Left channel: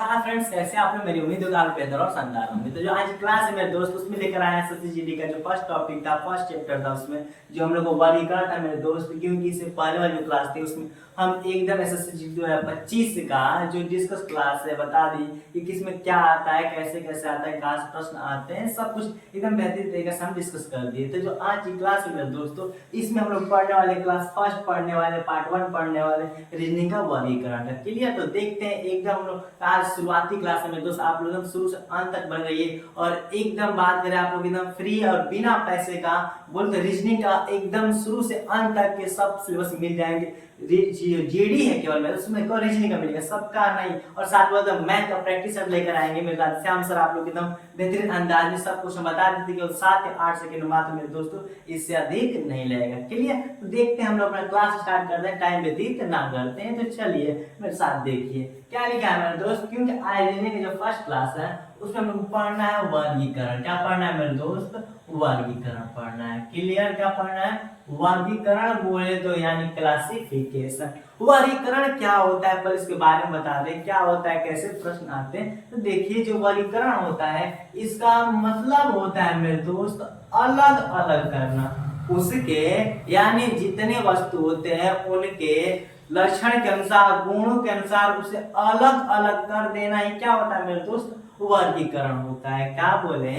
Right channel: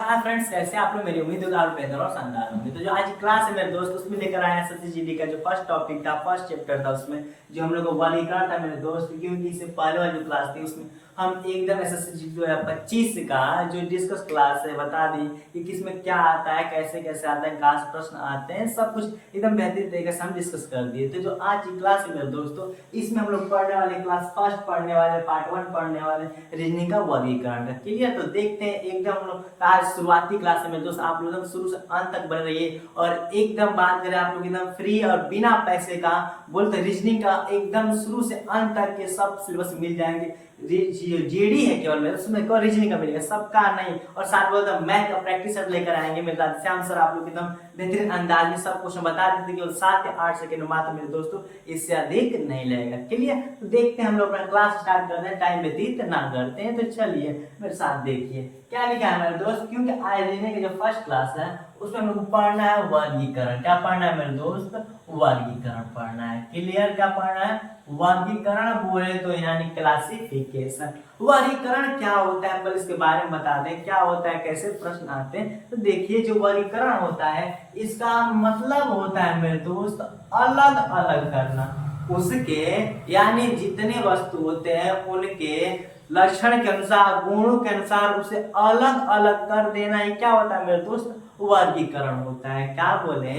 हाँ फ्रेंड्स, कैसे आप लोग? मेरी उम्मीद होगी आप लोग बेहतर और शानदार होंगे। तो जो आज की क्लास है मेरे दोस्त, उसमें लेकर आए हैं SSGD का जो फर्स्ट टॉपिक था, फर्स्ट चैप्टर था, उसमें जो हम लोग को वर्गीकरण था मेरे दोस्त। क्योंकि इससे पहले वाली जो क्लास थी उसमें हम एकदम SSGD 2025 का जो डिस्कस क्लास है बता दी कि किसमें क्या आता है, कैसे कैसे आता है, कहाँ से प्रश्न आते हैं, सब कुछ एकदम बेहतरीन तरीके से हम डिस्कस कर दिए। तो जो आज की क्लास है मेरे दोस्तों, इसमें हम लोग पढ़ने वाले क्लास फर्स्ट पढ़ने वाले, पार्ट 1 पढ़ने वाले रीजनिंग का वर्गीकरण का। क्लियर? तो देखते हैं एकदम हम लोग आज शुरुआती क्लास है मेरे दोस्त, आप लोग एकदम शुरू से अंत तक बन रहिए। और एकदम बात करें आप लोग एकदम फ्री और बिना पैसे का बोलते रीजनिंग का एकदम शुरू से अंत तक के सब सिलेबस मिल जाएंगे। जीडी है केवल में, उसमें केवल रीजनिंग का मिलेगा, सबका नहीं। और साथ में मैथ का प्रैक्टिस सेट लेकर आएंगे मेरे साथ श्याम सर। आप लोग एकदम बेहतरीन अंदाज में सब क्वेश्चन बता देते केवल 7 या 8 सेकंड मात्र मेरे दोस्तों, इससे अधिक नहीं लगेगा। क्लियर? तो देखते हैं हम लोग अपना क्लास स्टार्ट करते हैं, टाइम व्यतीत ना करते हैं। तो चलिए मेरे साथ देखिए क्या लिखा है मेरे दोस्त। क्योंकि आयोजन की जो फर्स्ट क्लास है उसमें हमको पढ़ना है वर्गीकरण। क्या पढ़ना है मेरे दोस्त? वर्गीकरण पढ़ना है। क्लियर? क्या पढ़ना है? वर्गीकरण बोले तो यानी क्लासिफिकेशन। वर्गीकरण क्या होता है पहले इसके बारे में बता दें, क्या होता है, कैसे प्रश्न आते हैं। तो देखिए जो वर्गीकरण होता है इसका मतलब होता है मेरे दोस्त अलग अलग करना। उसके यानी जितने वस्तु होते हैं उनके लक्षण के अनुसार, गुणों के अनुसार उसे अलग अलग कर देना ही क्या होता है मेरे दोस्त? वर्गीकरण होता है। क्या बोले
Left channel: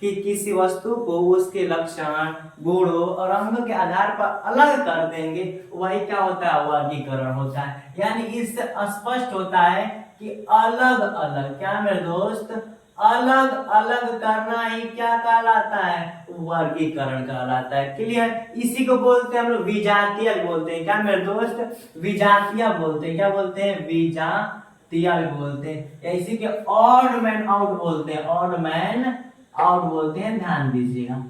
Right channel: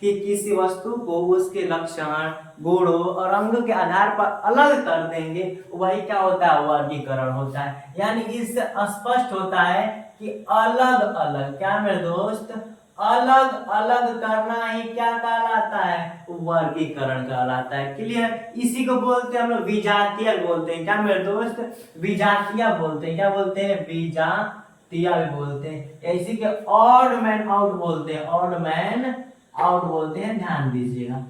कि किसी वस्तु को उसके लक्षण, गुणों और अंगों के आधार पर अलग कर देंगे, वही क्या होता है? वर्गीकरण होता है। यानी इससे स्पष्ट होता है कि अलग अलग, क्या मेरे दोस्त? अलग अलग करना ही क्या कहलाता है? वर्गीकरण कहलाता है। क्लियर? इसी को बोलते हैं हम लोग विजातीय बोलते हैं। क्या मेरे दोस्त? विजातीय बोलते हैं। क्या बोलते हैं? विजातीय बोलते हैं। या इसी के ऑड मैन आउट बोलते हैं। ऑड मैन आउट बोलते हैं, ध्यान दीजिएगा।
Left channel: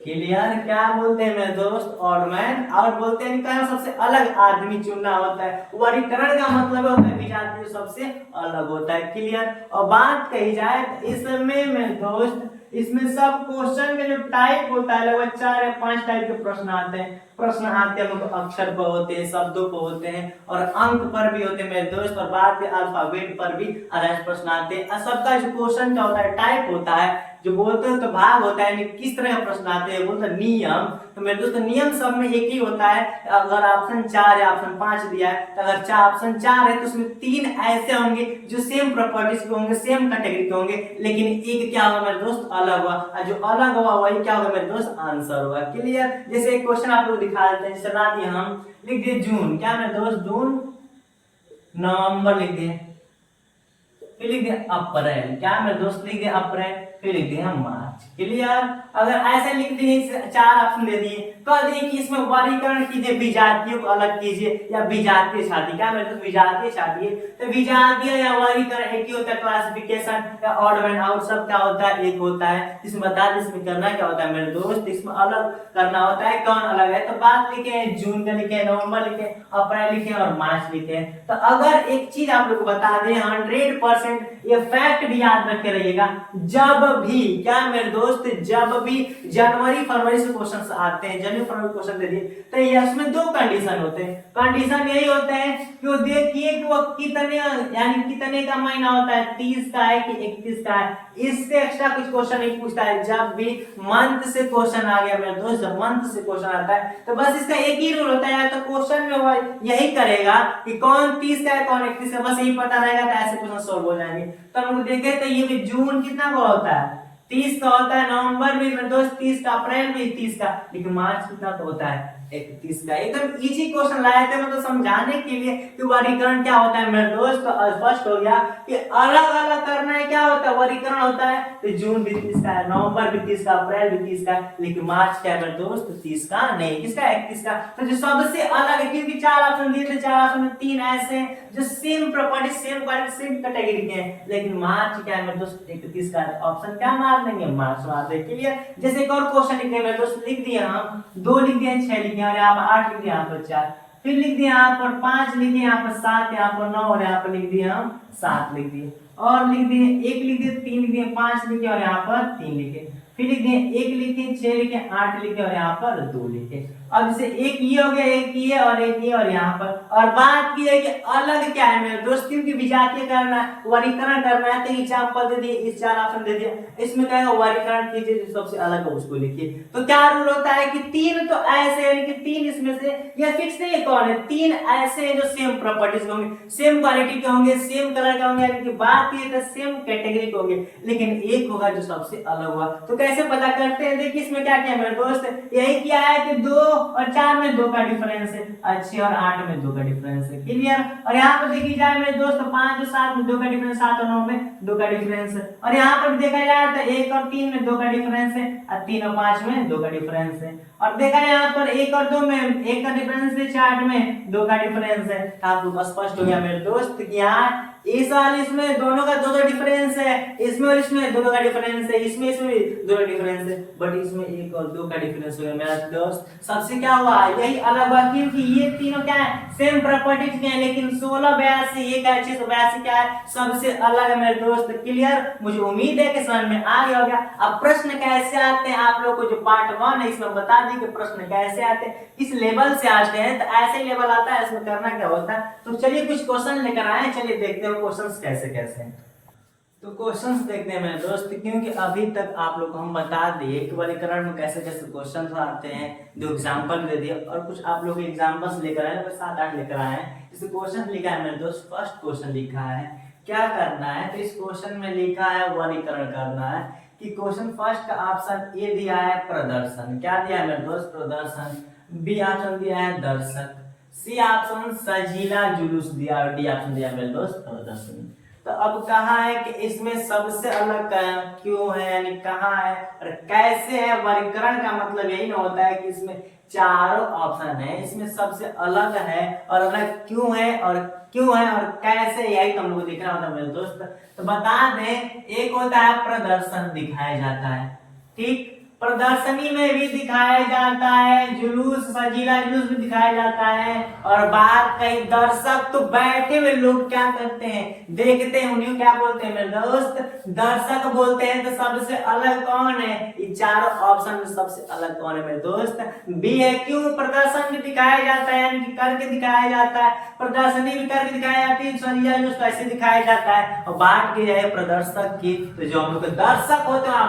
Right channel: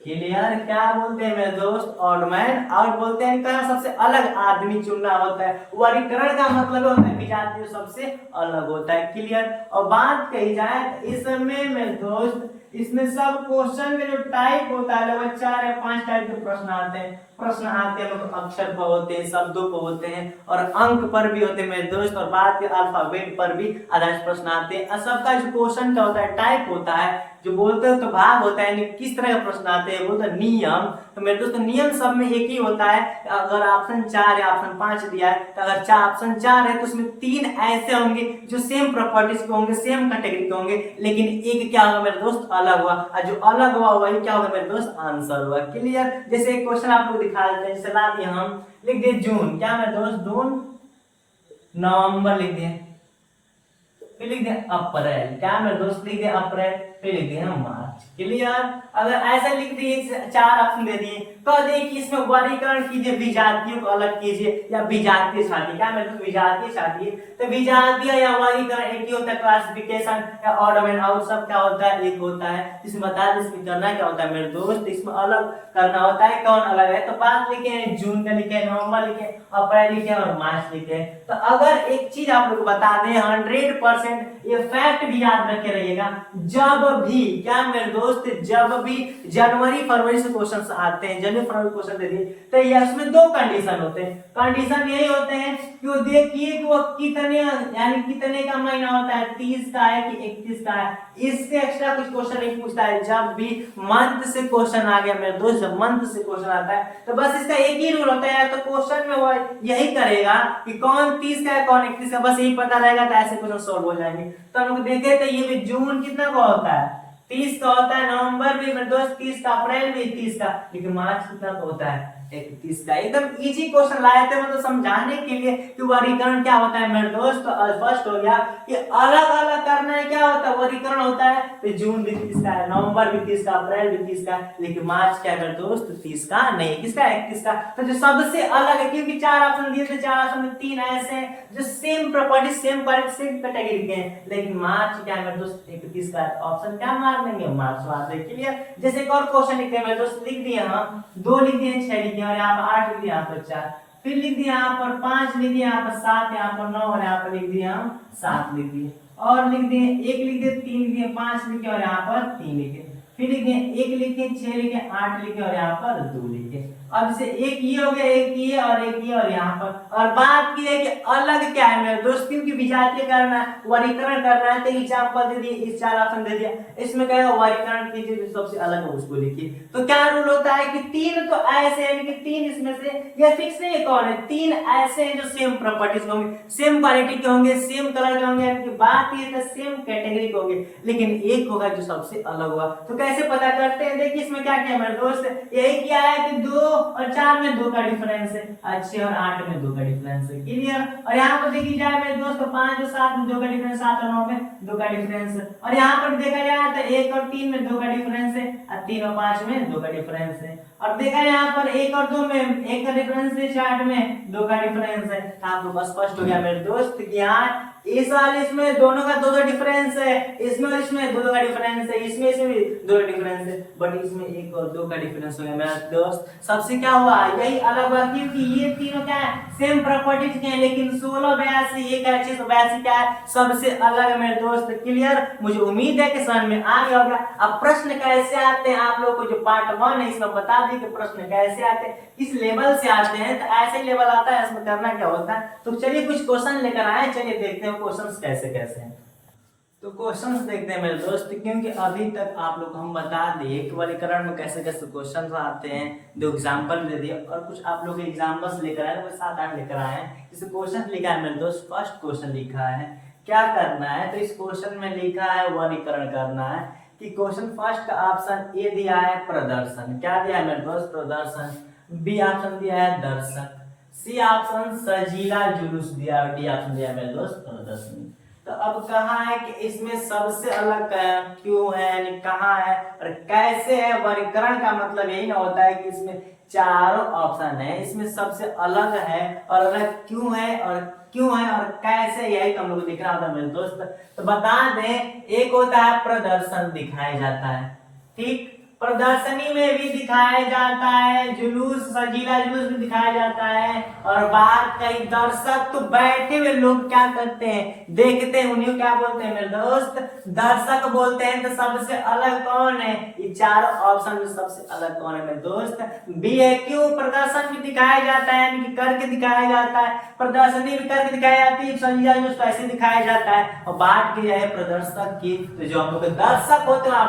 क्लियर? क्या बोलते हैं मेरे दोस्त? ऑड मैन आउट बोलते हैं। कहाँ सबसे अलग आदमी चुनना होता है। वर्गीकरण का मतलब होता है विजातीय सबसे अलग होता है। क्लियर? और बात कही जाए तो इसमें मेरे दोस्त, इसमें सब क्वेश्चन का जो टाइप होता है लगभग 4 या 5 टाइप के प्रश्न आते हैं। प्रश्न आते हैं अक्षर पर होते हैं, शब्दों पर होते हैं और अंक पर भी होते हैं मेरे दोस्त। और बात के अल्फाबेट पर भी आधारित प्रश्न आते हैं। सबका जो क्वेश्चन का होता है टाइप होता है, जो बोलते हैं तो भाग होता है, किस तरह का प्रश्न आते हैं बोलते हैं नियम। तो मेरे दोस्त नियम सब में एक ही होता है। अगर ऑप्शन 4 या ऑप्शन 5 दिया है तो अगर ऑप्शन 4 है तो उसमें 3 ऐसे होंगे जो सेम प्रॉपर्टीज के होंगे, सेम कैटेगरी के होंगे, लेकिन एक क्या होगा मेरे दोस्त? अलग हुआ। और जो अलग हुआ वही क्या होगा मेरे दोस्त? आंसर हुआ। क्लियर? जैसे एक क्वेश्चन आप लोग दिखा देते हैं, जैसे ला दिया हम, लिख दिए जून। क्या मेरे दोस्त? जून। नवंबर लिख दिए, फिर लिख दिया अप्रैल। क्या मेरे दोस्त? लिख दिया अप्रैल, फिर लिख दिया मार्च। क्लियर? अगर ऐसा लिख दिए, 4 ऑप्शन दे दिए, कह दिए कि इसमें वर्गीकरण कीजिए, विजातीयों को अलग कीजिए या विजातीय छाटिए। क्या मेरे दोस्त? विजातीय छाटिए। तो विजातीय या वर्गीकरण एक ही होता है, क्लासिफिकेशन या ऑड मैन आउट सब क्या होता है? एक होता है। इसमें बता दें इसमें करना क्या होता है मेरे दोस्त? इसमें अलग करना होता है। कौन अलग है? तो बात लिखे हैं जून का, लिखे नवंबर, लिखे अप्रैल, लिखे और मार्च लिखे। तो अगर एक चीज आप लोग को बता दें 100% ये फैक्ट भी याद रख के रहिएगा, जब भी, क्या मेरे दोस्त? जब भी जनवरी फरवरी से क्वेश्चन आते हैं, जनवरी फरवरी क्वेश्चन दे दिए, तो इसमें 2 कंडीशन होते हैं। कंडीशन यही होते हैं कि वो देखिए कि वो कितने, यानी कितने का महीना होता है, 30 का है कि 31 का है। इससे एक्स्ट्रा कुछ क्वेश्चन नहीं पूछता है। जब भी मंथ से क्वेश्चन आ गया मेरे दोस्त, जब मंथ से क्वेश्चन आता है तो बस इसका एक ही रूल होता है, तो क्वेश्चन में वो यही करेगा कि कौन 30 का है कौन 31 का, बस यही पता रहेगा तो ऐसे क्वेश्चन सॉल्व हो जाएंगे। तो हम लोग देखें तो ये भी जून कितना का होता है? 30 का होता है। नवंबर भी मेरे दोस्त 30 का, अप्रैल भी 30 का, लेकिन मार्च कितना का होता है? 31 का। एकदम इजी क्वेश्चन लाए थे मतलब समझाने के लिए कि वर्गीकरण क्या होता है मेरे दोस्त। तो स्पष्ट हो गया कि अलग अलग करना है। क्या होता है? वर्गीकरण होता है। तो जून भी 30 का है, नवंबर भी 30 का, अप्रैल भी 30 का, लेकिन मार्च क्या है मेरे दोस्त? 30 का नहीं, किसका? 31 का। तो जो सबसे अलग है, क्योंकि 4 ऑप्शन दिए थे, 4 ऑप्शन में 3 ऐसे हैं जो same property, same quality, same category के हैं, लेकिन मार्च क्या है मेरे दोस्त? 31 का। ऑप्शन क्या मार लेंगे? मार्च मार देंगे। क्लियर? जैसे एक और क्वेश्चन लिखते हैं मेरे दोस्त, लिख दिए हम 2 लिख दिए, 6 लिख दिए और यहाँ पर 8 लिख दिए, यहाँ पर 4, फिर लिख दिए यहाँ पर 5 लिख दिए, यहाँ पर 7, यहाँ पर 9 और यहाँ पर लिख दिए हम 7 लिख दिए, और लिख दिए 1 लिख दिए, 3 लिख दिए, 5 लिखे और यहाँ पर 3 लिखे, फिर लिख दिए 1 लिखे, 6 लिखे, 8 लिखे और यहाँ पर 2 लिखे। अब जैसे एक ये हो गया, एक ये और एक ये, और यहाँ पर और बात की जाए कि अलग क्या है मेरे दोस्त, क्योंकि विजातीय करना है, वर्गीकरण करना है, तो एग्जाम्पल दे दिए, इस 4 ऑप्शन दे दिया, इसमें कहेगा वर्गीकरण कीजिए, जो सबसे अलग है उसको लिखिए। तो क्या रूल होता है कि 3 तो ऐसे यानी कि 3 इसमें से ये फिक्स नहीं है कौन है, 3 ऐसे हैं जो सेम प्रॉपर्टीज के होंगे, सेम क्वालिटी के होंगे, सेम कलर के होंगे, यानी कि बात ये तो सेम कैटेगरी के होंगे, लेकिन एक होगा जो सबसे अलग होगा। तो कैसे पता करते हैं, देखिए इसमें क्या क्या है मेरे दोस्त, यही किया है कि 2 और 4 में 2 का डिफरेंस है, 6 और 8 में 2 का डिफरेंस है, क्लियर। और यहाँ पर देखी जाए मेरे दोस्त 5 और 7 में 2 का डिफरेंस, 7 और 9 में 2 का डिफरेंस है, और यहाँ पर देखा जाए तो 1 और 3 में 2 का डिफरेंस है, और 3 और 5 में 2 का डिफरेंस है, और देखा जाए यहाँ पर 1 और 2 में 1 का डिफरेंस है, 4 में 2 का डिफरेंस है। आपको स्पष्ट हो गया मेरे दोस्त कि यहाँ इस वाले इसमें दोनों का 2 डिफरेंस है, इसमें और इसमें 2 का डिफरेंस है, इसमें इसमें भी 2 डिफरेंस है, बट इसमें 1 और 2 का डिफरेंस हो गया मेरा दोस्त। सबसे क्या हुआ, यही अलग हुआ, क्योंकि ये तीनों क्या है, सेम प्रॉपर्टीज के हैं, लेकिन 16 82 एक है, 682 क्या है, सबसे अलग है मेरे दोस्त, क्लियर। मुझे उम्मीद है कि समझ में आ गया होगा। अब प्रश्न कैसे आते हैं, आप लोगों को जो पार्ट 1 है इसमें बता दी कि प्रश्न कैसे आते हैं, किस लेवल से आते हैं, तो ऐसे ही लेवल आता है, इसमें करना क्या होता है। तो चलिए कुछ क्वेश्चन लेकर आए, चलिए देखते हैं क्वेश्चंस कैसे कैसे हैं। तो क्वेश्चंस देखते हैं मेरे दोस्त, क्योंकि अभी तक आप लोग को हम बता दिए कि वर्गीकरण में कैसे कैसे क्वेश्चंस आते हैं, 2 एग्जांपल दे दिए, और कुछ आप लोग एग्जांपल्स लेकर आए, 7-8 लेकर आए हैं। इस क्वेश्चन लिखा है मेरे दोस्त, फर्स्ट क्वेश्चन लिखा है, क्या करना है, तो इस क्वेश्चन में लिखा है वर्गीकरण करना है, कि क्वेश्चन फर्स्ट का ऑप्शन ए दिया है प्रदर्शन, क्या दिया है मेरे दोस्त, प्रदर्शन, बी ऑप्शन दिया है दर्शक, सी ऑप्शन सजीला जुलूस दिया, और डी ऑप्शन दिया मेरे दोस्त प्रदर्शनी। तो अब कहा है कि इसमें सबसे अलग क्यों है, यानी कहाँ है और कैसे है। वर्गीकरण का मतलब यही ना होता है कि इसमें चारों ऑप्शन है, इसमें सबसे अलग है और अलग क्यों है और कैसे, यही तो हम लोग दिखना होता है मेरे दोस्त। तो बता दें, एक होता है प्रदर्शन दिखाया जाता है, ठीक, प्रदर्शनी में भी दिखाया जाता है, जुलूस सजीला जुलूस भी दिखाया जाता है, और बात कई दर्शक तो बैठे हुए लोग क्या करते हैं, देखते हैं, उन्हें क्या बोलते हैं मेरे दोस्त, दर्शक बोलते हैं। तो सबसे अलग कौन है, ये चारों ऑप्शन में सबसे अलग कौन है मेरे दोस्त, बी है। क्यों, प्रदर्शन भी दिखाया जाता है, यानी कि करके दिखाया जाता है, प्रदर्शनी भी करके दिखाई जाती है, सजीला जुलूस कैसे दिखाया जाता है, और बात की जाए प्रदर्शक की, तो जो हम लोग दर्शक होते हैं,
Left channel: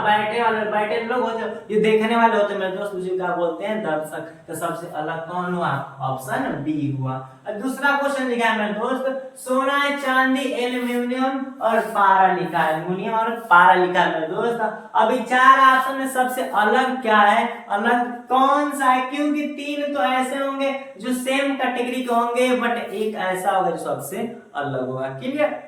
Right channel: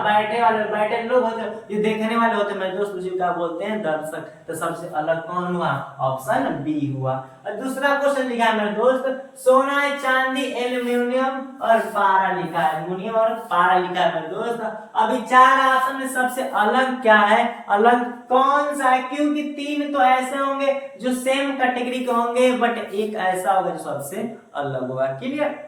बैठे लोग होते हैं, जो देखने वाले होते हैं मेरे दोस्त, उसे क्या बोलते हैं, दर्शक। तो सबसे अलग कौन हुआ, ऑप्शन बी हुआ। और दूसरा क्वेश्चन लिखा है मेरे दोस्त, सोना चांदी एल्यूमिनियम और पारा लिखा है, एल्यूमिनियम और पारा लिखा है मेरे दोस्त। अभी 4 ऑप्शन में सबसे अलग क्या है, अलग कौन सा है, क्योंकि 3 तो ऐसे होंगे जो सेम कैटेगरी के होंगे, बट एक ऐसा होगा जो सबसे अलग होगा, क्लियर।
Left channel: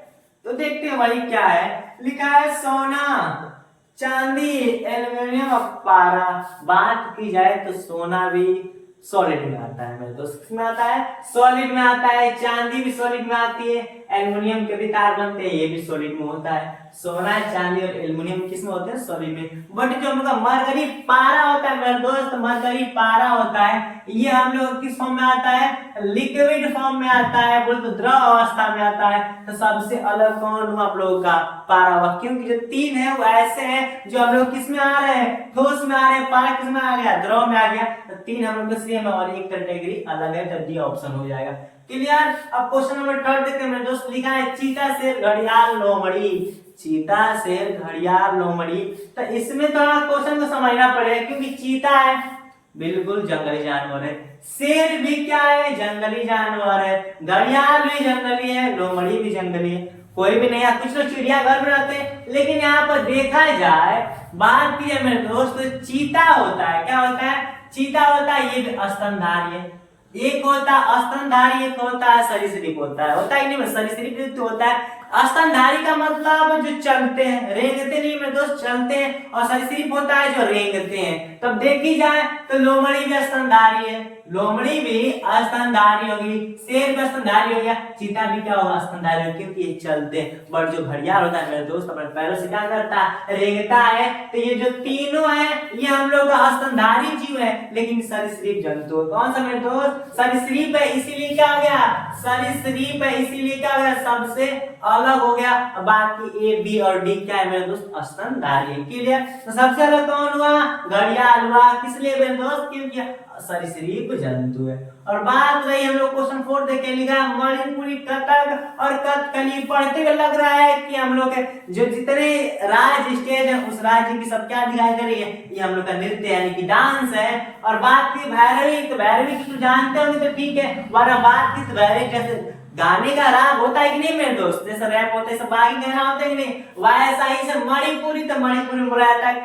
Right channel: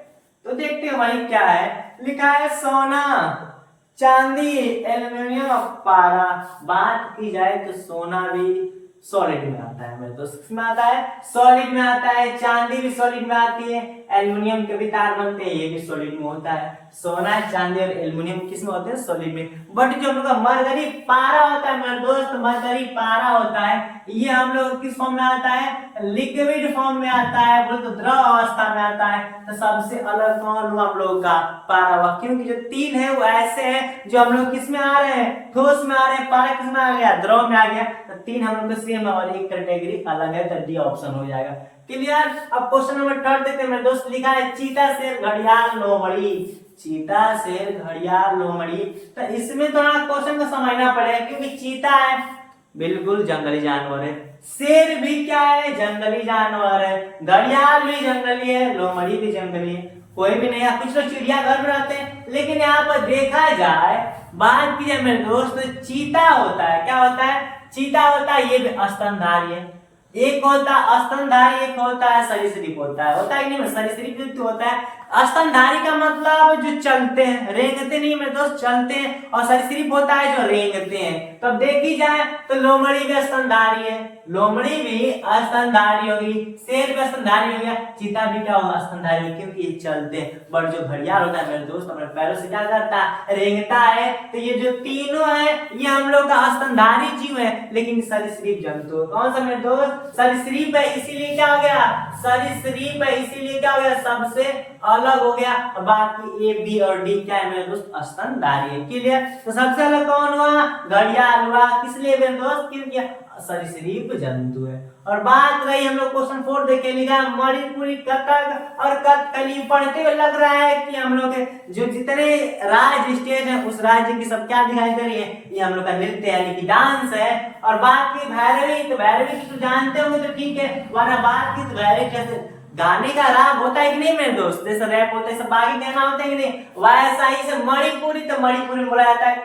तो देखते हैं भाई क्या है, लिखा है सोना चांदी एल्यूमिनियम और पारा। बात की जाए तो सोना भी सॉलिड में आता है मेरे दोस्त, किसमें आता है, सॉलिड में आता है, चांदी भी सॉलिड में आती है, एल्युमिनियम के भी तार बनते हैं, ये भी सॉलिड में होता है। सोना चांदी और एल्युमिनियम किस में होते हैं, सॉलिड में। बट जो हम लोग का मरकरी पारा होता है मेरे दोस्त, मरकरी पारा होता है, ये हम लोग किस फॉर्म में आता है, लिक्विड फॉर्म में आता है, बोल तो द्रव अवस्था में आता है। तो सबसे अलग कौन हुआ हम लोग का, पारा हुआ, क्योंकि जो 3 है वो ऐसे हैं जो हम लोग किस में आ रहे हैं, ठोस में आ रहे हैं, पारा किस में आ गया, द्रव में आ गया। तो 3 हम लोग सेम है और एक कैटेगरी अलग है, तो डी ऑप्शन हो जाएगा, क्लियर। अब क्वेश्चन नंबर 3 देखते हैं मेरे दोस्त, लिखा है चीता शेर घड़ियाल लोमड़ी, चीता शेर घड़ियाल लोमड़ी। तो इसमें थोड़ा क्वेश्चन को समझना पड़ेगा, क्योंकि चीता है बिल्कुल जंगली जानवर है, शेर भी क्या है, जंगली जानवर है, घड़ियाल भी जंगली है, लोमड़ी भी जंगली है, कोई भी नहीं है। कुछ लोग चिड़ियाघर में रहते हैं, लेकिन यहाँ पर देखा जाए, बात की है मेरे दोस्त, चीता होता है, क्या होता है, चीता होता है, ये भी स्तनधारी है, एक होता है स्तनधारी, एक होता है सरीसृप होता है नहीं, सरीसृप होता है। स्तनधारी का मतलब जो चलते हैं, रेंगते नहीं मेरे दोस्त, चलते हैं, और सरीसृप होता है जो रेंगते हैं। तब देखी जाए तो लोमड़ी भी स्तनधारी है, लोमड़ी भी स्तनधारी होगी, शेर भी स्तनधारी हो गया, चीता भी क्या होगा, स्तनधारी होगी, क्योंकि ये चलते हैं। बट जो घड़ियाल होता है मेरे दोस्त, अपने पैरों से क्या करता है, रेंगता है। तो ये जो तीनों है, ये हम लोग का स्तनधारी जीव है, लेकिन सरीसृप जंतु। कौन सा मेरे दोस्त, सरीसृप है, इसीलिए क्या हो गया, सरीसृप है, इसीलिए क्या हो गया, सबसे अलग हो गया। बाकी ए बी और डी क्या है मेरे दोस्त, स्तनधारी है, क्लियर। तो सबसे अलग कौन हुआ, घड़ियाल हुआ, किस लिए मेरे दोस्त, क्योंकि सरीसृप जंतु है। और बात रही हम लोग क्वेश्चन 4 देखे, लिखा मणिपुरी, कथक और कथकली। पढ़ते हुए लग रहा है कि हम लोग जो जितने राज्य स्टेट है उस राज्य की सब क्या दिखाई दे रही है, ये हम लोग का नृत्य यानी कि डांस है। और बात की भैरवी, तो भैरवी की तो जानते होंगे तो ठीक है, वरना बात की तो भैरवी कैसे गाने का राग होता है कि नहीं मेरे दोस्त, जैसे रैप होता है, सब बाकी गाना होता है कि नहीं, वैसा ही से मणिपुरी, तो मणिपुरी बोला जाता है,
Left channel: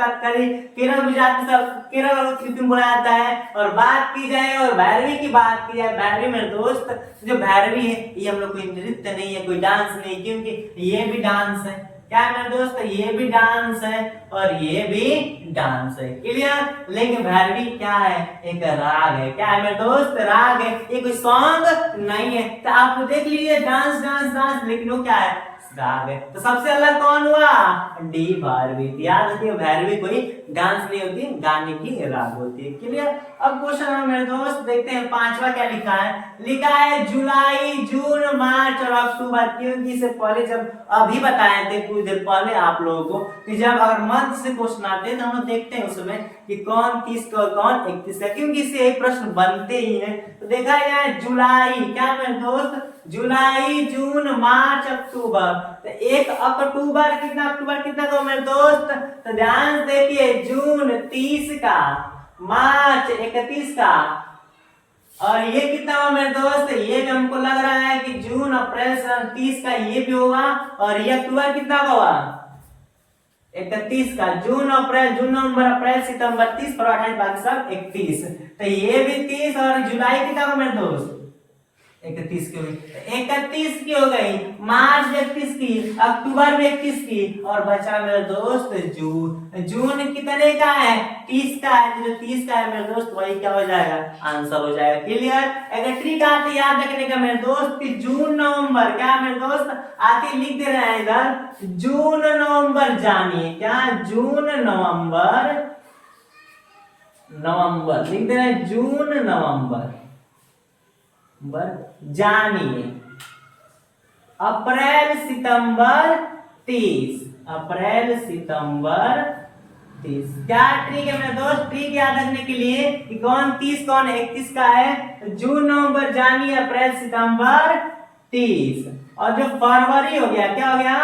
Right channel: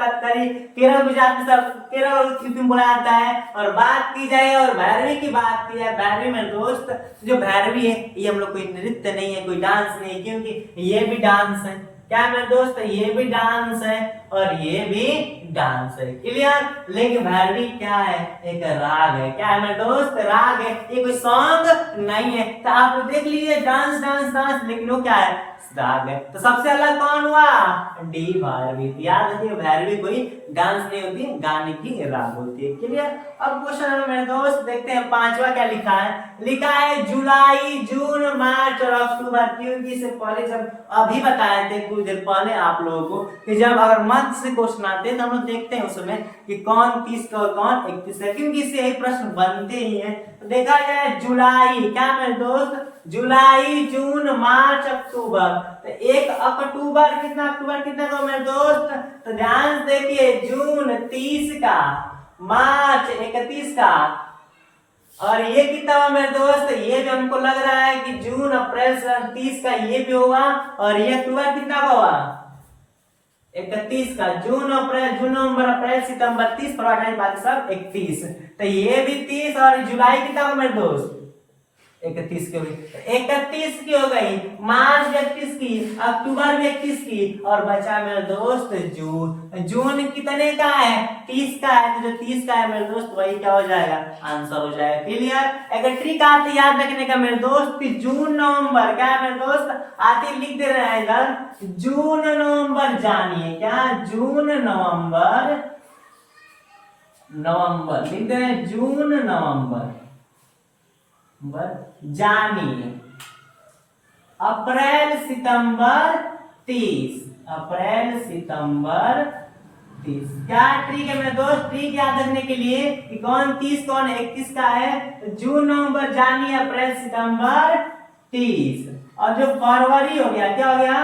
कथकली केरल गुजरात सब केरल और यूपी में बोला जाता है। और बात की जाए और भैरवी की बात की जाए, भैरवी मेरे दोस्त जो भैरवी है ये हम लोग कोई नृत्य नहीं है, कोई डांस नहीं, क्योंकि ये भी डांस है। क्या मेरे दोस्त, ये भी डांस है और ये भी डांस है, क्लियर। लेकिन भैरवी क्या है, एक राग है। क्या है मेरे दोस्त, राग है, ये कोई सॉन्ग नहीं है। तो आप देख लीजिए डांस डांस डांस, लेकिन वो क्या है, राग है। तो सबसे अलग कौन हुआ, डी भैरवी। याद रखिए भैरवी कोई डांस नहीं होती, गाने की राग होती है, क्लियर। अब क्वेश्चन नंबर मेरे दोस्त देखते हैं 5वां क्या लिखा है। लिखा है जुलाई, जून, मार्च और अक्टूबर, क्योंकि इससे पहले जब अभी बताए थे कुछ देर पहले आप लोगों को कि जब अगर मंथ से क्वेश्चन आते हैं तो हम लोग देखते हैं उसमें कि कौन 30 का और कौन 31 का, क्योंकि इससे एक प्रश्न बनते ही है। तो देखा गया है जुलाई, क्या मेरे दोस्त, जुलाई, जून, मार्च, अक्टूबर। तो एक अक्टूबर कितना को मेरे दोस्त, तो ध्यान से देखिए, जून 30 का, मार्च 31 का, और ये कितना हुआ मेरे दोस्त, ये भी हमको लग रहा है कि जून, अप्रैल, 30 का ये भी होगा। और ये अक्टूबर कितना का हुआ, 31 का। जून, अप्रैल, जून, नवंबर, अप्रैल, सितंबर 30, फरवरी 28, बाकी सब 31। तो ये भी 30 और जुलाई कितना का मेरे दोस्त, 31 की होगी, 31 की हो गई, मार्च 31 की, अक्टूबर में 31 की, और बचा मेरे दोस्त जून। जून कितने का है, 30 का है, तो जो 30 का है मेरे दोस्त वही क्या हो जाएगा, आंसर हो जाएगा, क्लियर। अगर ट्रिक आती याद रखने का मेरे दोस्त कि जून नवंबर, क्या है मेरे दोस्त, आते लिख दे रहे हैं इधर, जून नवंबर जानिए, क्या जून नवंबर, नवंबर लिख दे रहे हैं, जून नवंबर जानिए, अप्रैल सितंबर 30, अप्रैल सितंबर 30। क्या ट्रिक है मेरे दोस्त, ट्रिक याद रखने के लिए कि कौन 30 कौन 31 का है, जून नवंबर जानिए, अप्रैल सितंबर 30। और जो फरवरी हो गया, क्या हो गया,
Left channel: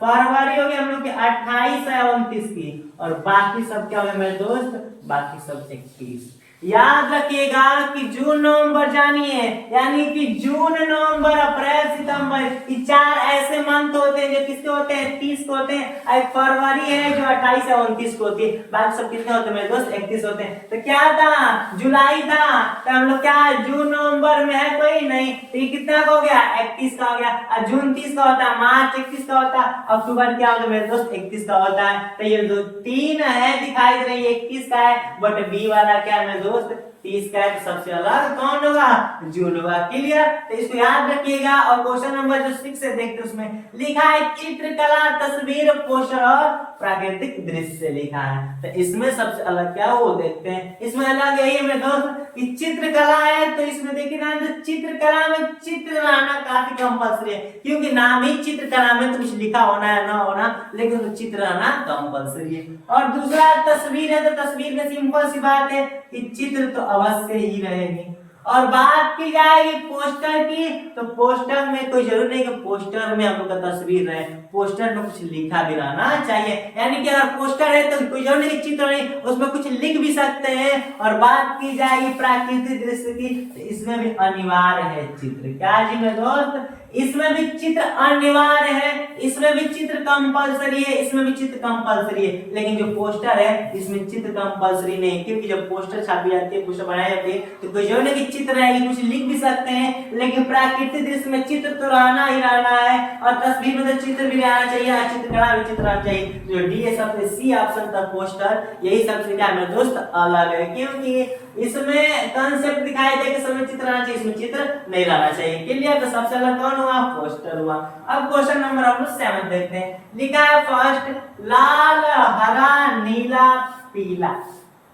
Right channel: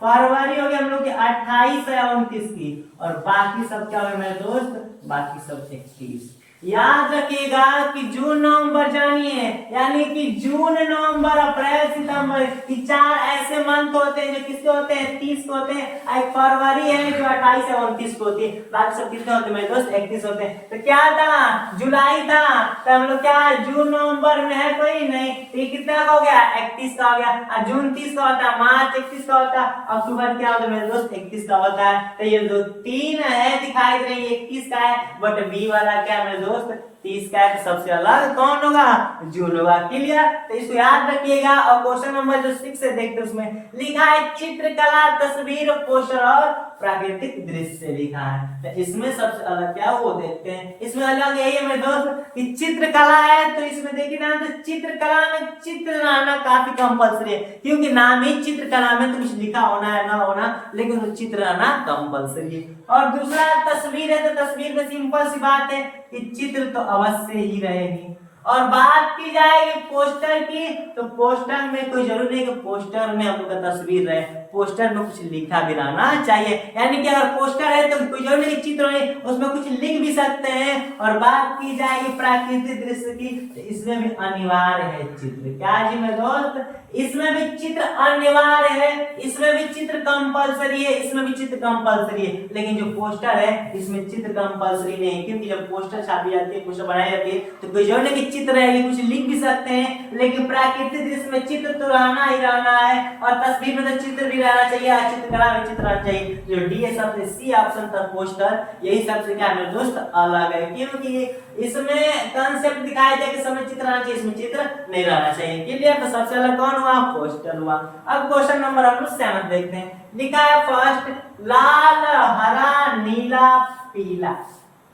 फरवरी हो गया हम लोग की 28 या 29 की, और बाकी सब क्या हो गया मेरे दोस्त, बाकी सब 31। याद रखिएगा कि जून नवंबर जानिए, यानी कि जून नवंबर अप्रैल सितंबर, ये 4 ऐसे मंथ होते हैं जो किसके होते हैं, 30 को होते हैं। एक फरवरी है जो 28 या 29 को होती है, बाकी सब कितने होते हैं मेरे दोस्त, 31 होते हैं। तो क्या था, जुलाई था, तो हम लोग क्या जून नवंबर में है कोई नहीं, तो ये कितना का हो गया, 31 का हो गया। और जून 30 का होता है, मार्च 31 का होता है, अक्टूबर क्या होता है मेरे दोस्त, 31 का होता है। तो ये जो 3 है दिखाई दे रही है 31 का है, बट बी वाला क्या है दोस्त, 30 का है। तो सबसे अलग कौन होगा, जून होगा, क्लियर। तो इसको याद रखिएगा। और क्वेश्चन नंबर जो 6 से देखते उसमें लिखा है चित्रकला, तस्वीर, पोस्टर और प्राकृतिक दृश्य लिखा है। तो इसमें सबसे अलग क्या वो देखते हैं। इसमें अलग यही है मेरे दोस्त कि चित्रकला है, तो इसमें देखिए ना, तो चित्रकला में चित्र लाना काफी कंपल्सरी है, क्योंकि नाम ही चित्रकला में तो कुछ लिखा होना है ना होना, लेकिन चित्र लाना कंपल्सरी है। और दूसरा तस्वीर है, तो तस्वीर में सिंपल सी बात है कि चित्र तो अवश्य ही रहेगी। और बात की जाएगी पोस्टर की, तो पोस्टर में कोई जरूरी नहीं कि पोस्टर में हम लोग का तस्वीर रहे, पोस्टर में कुछ लिखा भी रहना चाहिए। यानी कि अगर पोस्टर है तो कोई जरूरी नहीं चित्र नहीं, उसमें कुछ लिख भी सकते हैं। और बात की जाएगी प्राकृतिक दृश्य की, तो इसमें भी अनिवार्य है चित्र। क्या जी मेरे दोस्त, इसमें भी चित्र अनिवार्य है, इसमें भी चित्र कंपलसरी है, इसमें भी चित्र कंपलसरी है। लेकिन जो पोस्टर है इसमें चित्र कंपलसरी नहीं, क्योंकि जब पोस्टर छापी जाती है, पोस्टर बनाई जाती है, तो कोई जरूरी नहीं चित्र रहेगी, कुछ लिख भी सकते हैं। लेकिन प्राकृतिक दृश्य में चित्र तो रहना ही रहना है, और तस्वीर में तो चित्र भी रहना चाहिए, चित्रकला भी चित्र रहना चाहिए। जो डी है सबसे सी ऑप्शन था पोस्टर, यही सबसे क्या मेरे दोस्त अलग है, क्योंकि इसमें कंसेप्ट दिखाई दे के समय चित्र रहना चाहिए, इसमें चित्र नहीं रहना चाहिए, क्लियर। तो सबसे अलग कौन हुआ, पोस्टर हुआ। अब क्वेश्चन नंबर हम लोग 7 देखते हैं। लिखा है फर्स्ट, लाल, हरा, नीला, पीला।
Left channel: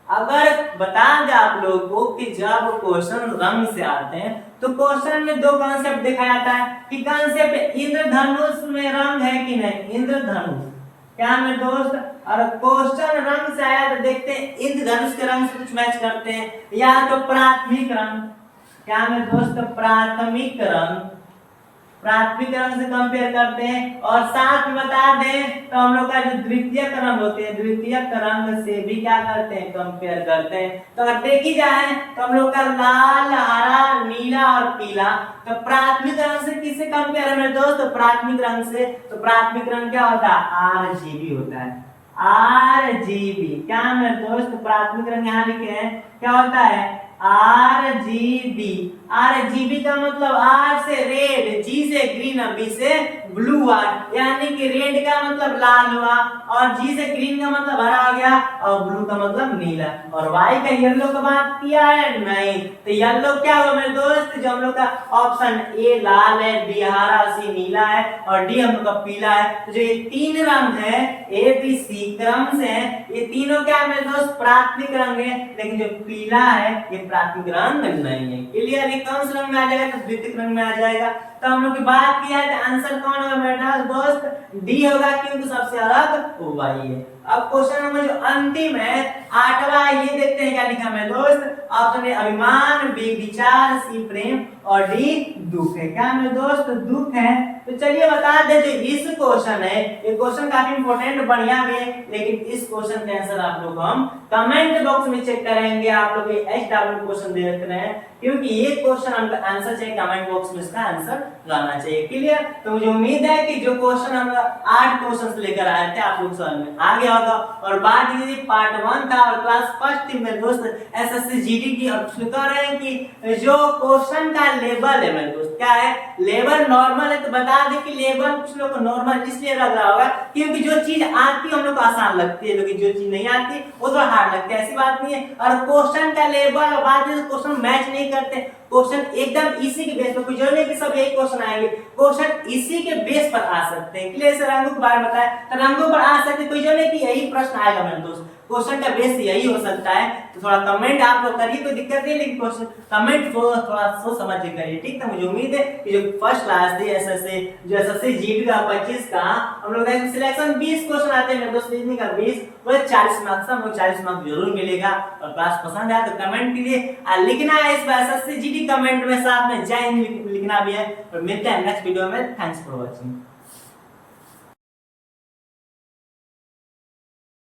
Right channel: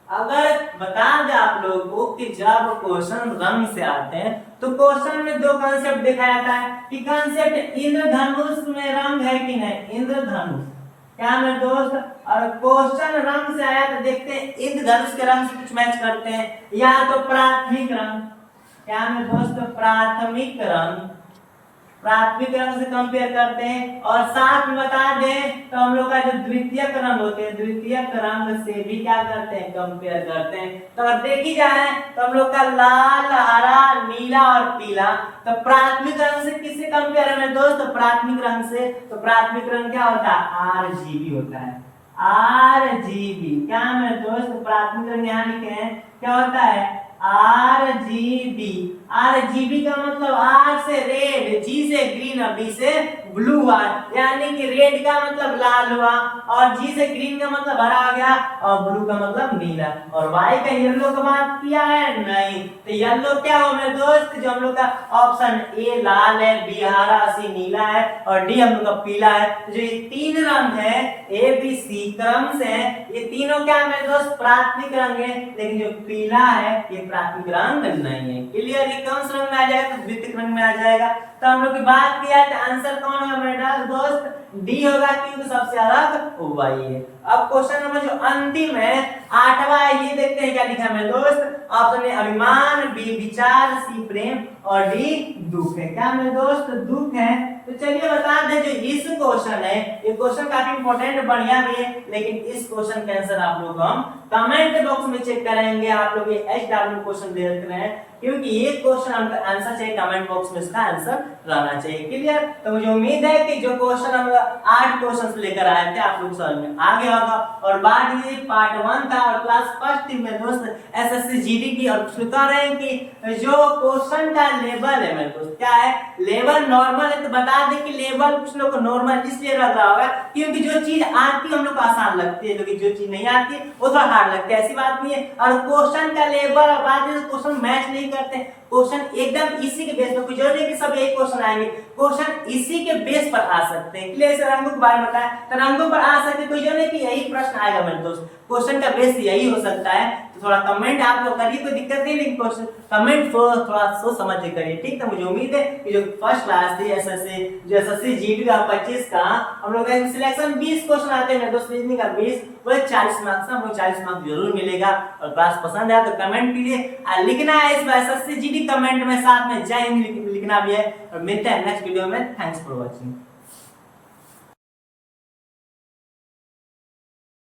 अगर बता दें आप लोगों को कि जब क्वेश्चन रंग से आते हैं तो क्वेश्चन में 2 कॉन्सेप्ट दिखाया जाता है कि कॉन्सेप्ट इंद्रधनुष में रंग है कि नहीं, इंद्रधनुष क्या मेरे दोस्त, और क्वेश्चन रंग से आया तो देखते हैं इंद्रधनुष के रंग से कुछ मैच करते हैं, या तो प्राथमिक रंग, क्या मेरे दोस्त प्राथमिक रंग से कंपेयर करते हैं, और साथ में बता दें तो हम लोग का जो द्वितीयक रंग होते हैं द्वितीयक रंग से भी क्या करते हैं कंपेयर करते हैं। तो अगर देखी जाए तो हम लोग का लाल, हरा, नीला और पीला, तो प्राथमिक रंग से किससे कंपेयर है मेरे दोस्त, तो प्राथमिक रंग से। तो प्राथमिक रंग क्या होता है, आरजीबी होता है, आरजीबी। क्या मेरे दोस्त प्राथमिक रंग यहाँ लिखे हैं, क्या होता है, आरजीबी। आरजीबी का मतलब आर से रेड, जी से ग्रीन, बी से ब्लू हुआ, यानी कि रेड का मतलब लाल हुआ, और जी से ग्रीन का मतलब हरा आ गया, और ब्लू का मतलब नीला, और वाई का येलो का बात किया है नहीं। तो येलो क्या हुआ मेरे दोस्त, जो हम लोग का ऑप्शन ए लाल है, बी हरा, सी नीला है, और डी हम लोग का पीला है। तो जो ये तीन रंग है ए बी सी क्रम से है, ये तीनों क्या है मेरे दोस्त, प्राथमिक रंग है, लेकिन जो पीला है ये प्राथमिक रंग नहीं है। क्लियर, ये कौन सा रंग में आ जाएगा, तो द्वितीयक रंग में आ जाएगा। तो हम लोग की बात किया है, आंसर कौन होगा मेरा दोस्त, डी होगा, क्योंकि सबसे अलग वाई है। अब क्वेश्चन नंबर जो अंतिम है 8वां, ये देखते हैं क्या लिखा है मेरे दोस्त। ऑप्शन ए अभिमान, बी विचार, सी प्रेम, और डी दुख है। क्या मेरे दोस्त, दुख है। तो चलिए बता दे, जो इस क्वेश्चन है, ये क्वेश्चन काफी इंपॉर्टेंट बढ़िया भी है, लेकिन इस क्वेश्चन का आंसर आप लोग हम कमेंट बॉक्स में चेक करेंगे। आप लोग ये एचडब्ल्यू क्वेश्चन देख रहे हैं, क्योंकि ये क्वेश्चन हमका आंसर चाहिए, कमेंट बॉक्स में इसका आंसर रहना चाहिए। क्लियर, तो मुझे उम्मीद है कि जो क्वेश्चन हम 8 क्वेश्चन लेकर आए थे आप लोग समझ में आ गया होगा। और बात ये पार्ट 1 था और क्लास फर्स्ट में दोस्त एसएससी जीडी की, और कह रहे हैं कि जो क्वेश्चन का लेवल है मेरे दोस्त, क्या है, लेवल नॉर्मल है। तो बता दें कि लेवल कुछ लोग को नॉर्मल इसलिए लग रहा होगा क्योंकि जो चीज आती है हम लोग को आसान लगती है, लेकिन जो चीज नहीं आती है वो थोड़ा हार्ड लगता है, ऐसी बात नहीं है। और क्वेश्चन का लेवल बात है, क्वेश्चन मैच नहीं करते, क्वेश्चन एकदम इसी के बेस पर, कुछ नहीं कि सब यही क्वेश्चन आएंगे, क्वेश्चन इसी के बेस पर आ सकते हैं। इसलिए रंगों के बारे में बताया, तो रंगों पर आ सकते, कोई जो नहीं कि यही प्रश्न आएगा मेरे दोस्त, क्वेश्चन का बेस यही हो सकता है। तो थोड़ा कमेंट आप लोग करिए, कोई दिक्कत नहीं, लेकिन क्वेश्चन कमेंट को थोड़ा सोच समझ के करिए, ठीक है। मुझे उम्मीद है कि जो फर्स्ट क्लास थी एसएससी जीडी का 25 का, हम लोग सिलेक्शन 20 क्वेश्चन आते हैं मेरे दोस्त, रीजनिंग का 20, वो 40 मार्क्स हम लोग 40 मार्क्स जरूर मिलेगा। और क्लास पसंद है तो कमेंट कीजिए, लिखना है इस बार एसएससी जीडी कमेंट में, साथ में जय हिंद लिखना भी है। और मिलते हैं नेक्स्ट वीडियो में, थैंक्स फॉर वॉचिंग।